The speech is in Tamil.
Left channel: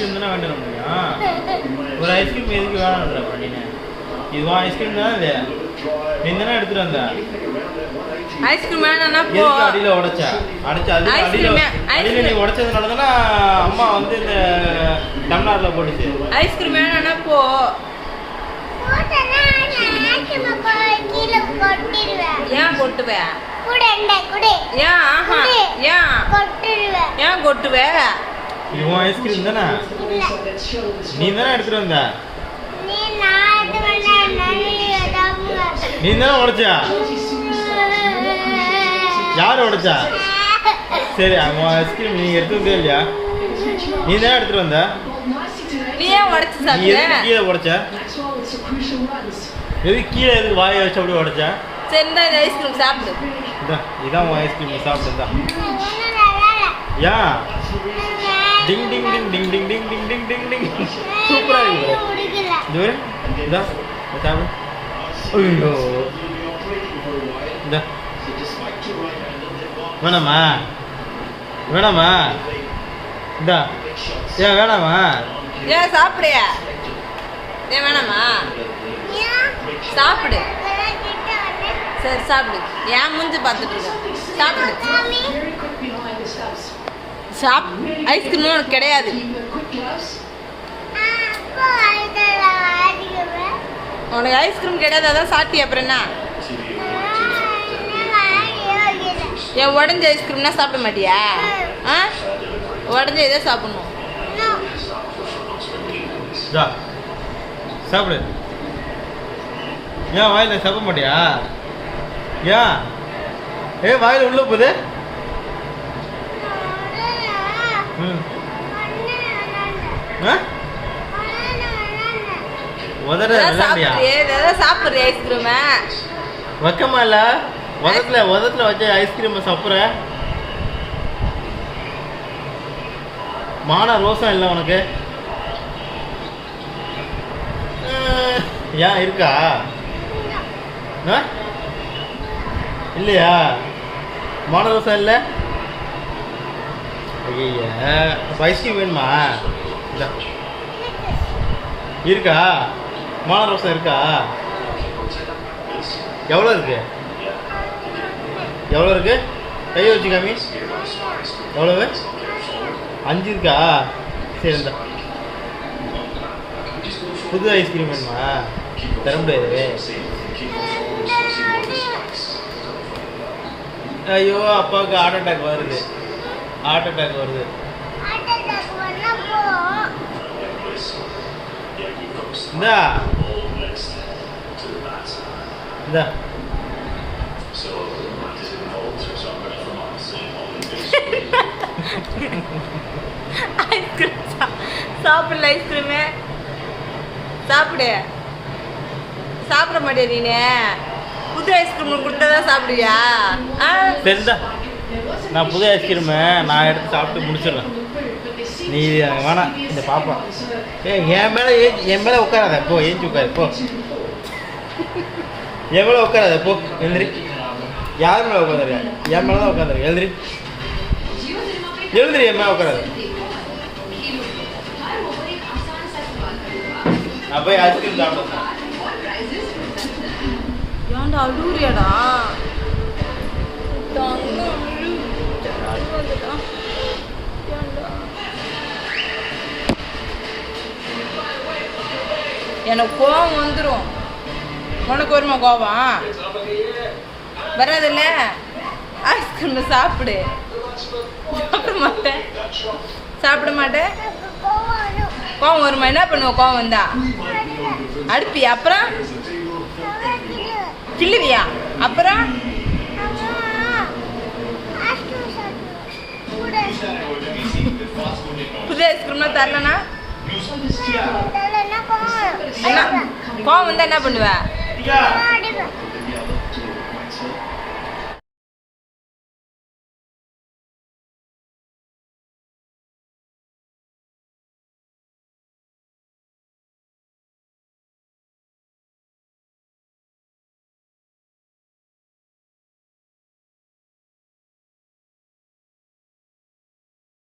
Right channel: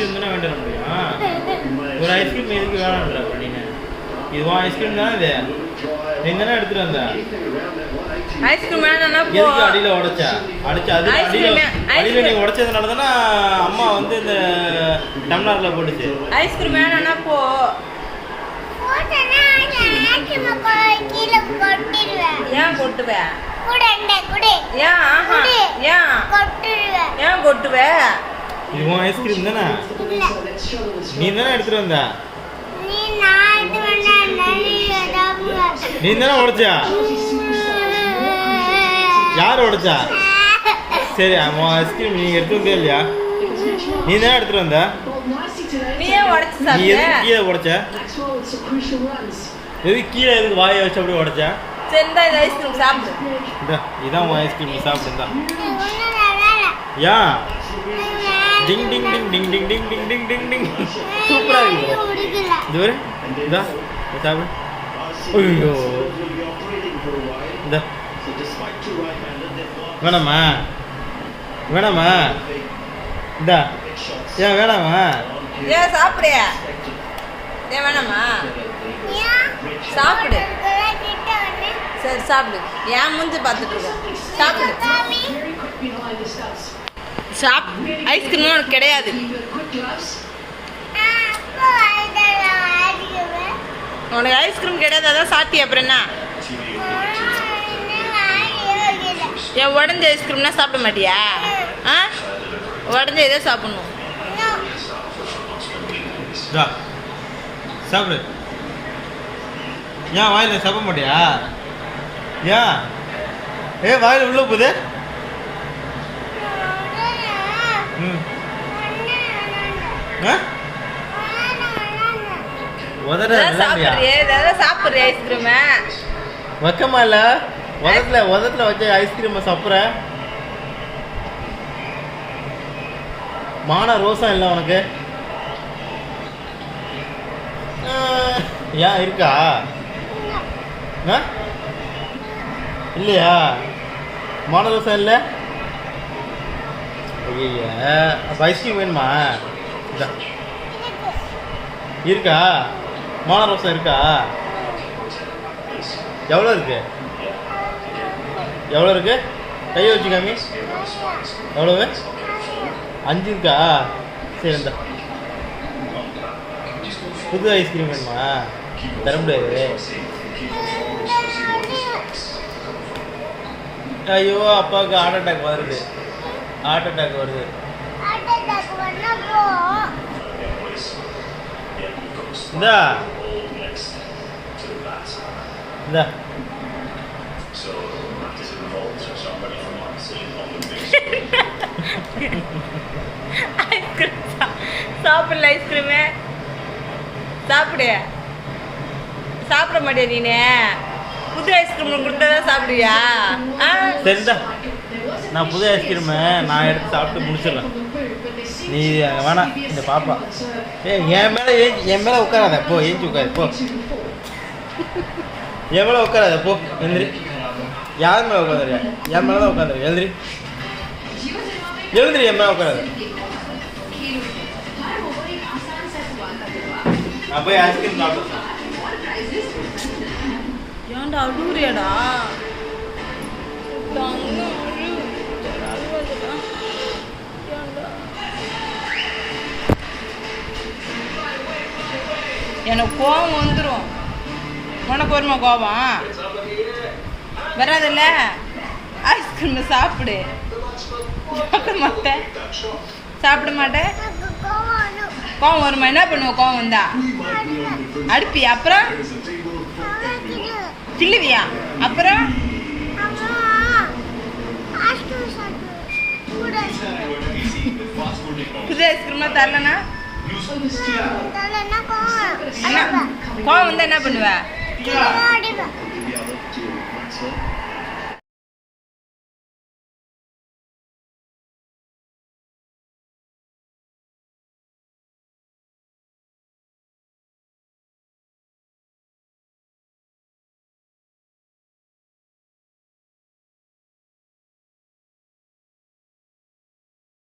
ஐஸ்கிரீம் தானே வேண்டிய முடியும்? ஒரு ஐஸ்கிரீம் எதுக்கு வேணான்ற பண்ணினேன் இது உன் ஐஸ்கிரீம் தானே இது? நீ தானே எடுத்துட்டு வந்த? ஐஸ்கிரீம் வேணும்னா போ. அடியில உடைச்ச? அடிச்சு அது அடியில அடியில நீ. உடைச்சதுனால தானே அம்மா வந்து இந்த டம்ளார்ல போட்டுச்சு. ஐஸ்கிரீம் வேணும்னா போ. ஏன் கொட்டுவேன் ஏன். ஏன்? கொட்டிடுவேன் ஏன் கொட்டுவே? இது உன் ஐஸ்கிரீம் தானே? நீ தானே எடுத்துட்டு வந்த? நீ தானே உடைச்சா? யார் உடைச்சா? சரி உன் ஐஸ்கிரீம் நீ எடுத்து வந்தே இல்லையா? நீ தானே எடுத்துட்டு வந்த? கீழே உடைச்ச? எதுக்கு கீழே எதுக்கு வாயை வச்சு அப்படியே உடைச்ச? சரி இந்த ஐஸ்கிரீம் சாப்பிடு. இதா இதான் உன் ஐஸ்கிரீம் நீ சாப்பிடுதா ஒன்றும் நல்லா ஏன் டிங் டிங் டிங் டிங் டிங் டிங் டிங் டிங் டிங் டிங் சூப்பரா இருக்கு இது இதா இதை சாப்பிடு ஐயோ இந்த வேணாமா வேணாமா இந்தா ஏன் வேணாமா ஏன் சாப்பிடு. ஏன் வேணாமா சாப்பிடு. சரி சாப்பிடு. ஏன் மூஞ்சி பார்த்துட்டு இருக்க. சாப்பிடு. சாப் ஐஸ்கிரீம்லாம் உனக்கு கிடையாது. உனக்கு ஐஸ்கிரீம் கிடையாது அதான் சாப்பிட்டியா அப்புறம் என்ன? ஏன் உடஞ்ச ஐஸ்கிரீம்னா சாப்பிட மாட்டியா? ஆ? உடஞ்ச இதை சாப்பிடணும். சாப்பிடு. ஏன் வாயில் சாப்பிட மாட்டியா? ஏன்? ஏ வாயில் உள்ள போகுது ம் ஆ உதற இதான் சாப்பிட்றியே? ஐஸ்கிரீமை வைக்கமா இல்ல? உதத்துல உதத்துல வச்ச ஐஸ்கிரீம் சாப்பிட்ற? மான ரோசம் இல்லை உனக்கு? ஏன் இருக்கா? இல்லையா? மான ரோசம் இல்லை? ஐய அப்போ ஐஸ்கிரீம் வேணுமா? இருக்கா? மோன ரோசம் இருக்கா? எவ்வளோ இருக்கு? எவ்வளோ இருக்கு? கையை வச்சு காமி எவ்வளவு? அஞ்சு இருக்கா? சரி இந்த. புது ஐஸ்கிரீம் வேணுமா? தர முடியாது. ஐயோ அப்பாவுக்கு ஹார்ட் அட்டாக் வருது. ஹார்ட் அட்டாக் வருது. இந்தா. இந்தா. ஐஸ்கிரீம் சாப்பிடல ஐஸ்கிரீமு சாப்பிடு. சாப்பிட மாட்டியா நீனு? புது ஐஸ்கிரீம் கொடுத்தா சாப்பிடுவியா? ஆ? நான் புது ஐஸ்கிரீமு நான் எடுத்து சாப்பிட்டு முடிச்சிடுறேன். நீ அங்கே வேணாம் இந்த பாப்பா. ஏ என் மேலே ஏஞ்சி என் மேலே உட்காராத போ ஏஞ்சி உட்காரு போ. என் மேலே உட்காராத போ எந்திரி யார் மேலே உட்காந்துருக்க என் மேலே தான் உட்காந்துருக்க எழுந்திரி. எழுந்திரி என் மேலே உட்காராத. நான் போய் ஐஸ்கிரீம் சாப்பிடுறேன். ஏன்டா அழுவுறியாடா? எனக்கு கோவம் வந்துடும் உனக்கு வருமா கோவம்? வராதுல்ல? ஐஸ்கிரீம் சாப்பிடு. சாப்பிட மாட்டேன். சாப்பிட மாட்டேன். கோவம் வருமா? என்ன பண்ணுவ? கோவம் வந்தா? அடிப்பியா? அப்புறம்? கிள்ளுவியா? அப்புறம்? புது ஐஸ்கிரீம்லாம் தரலனா? கோவம். வந்தால் என்ன பண்ணுவேன்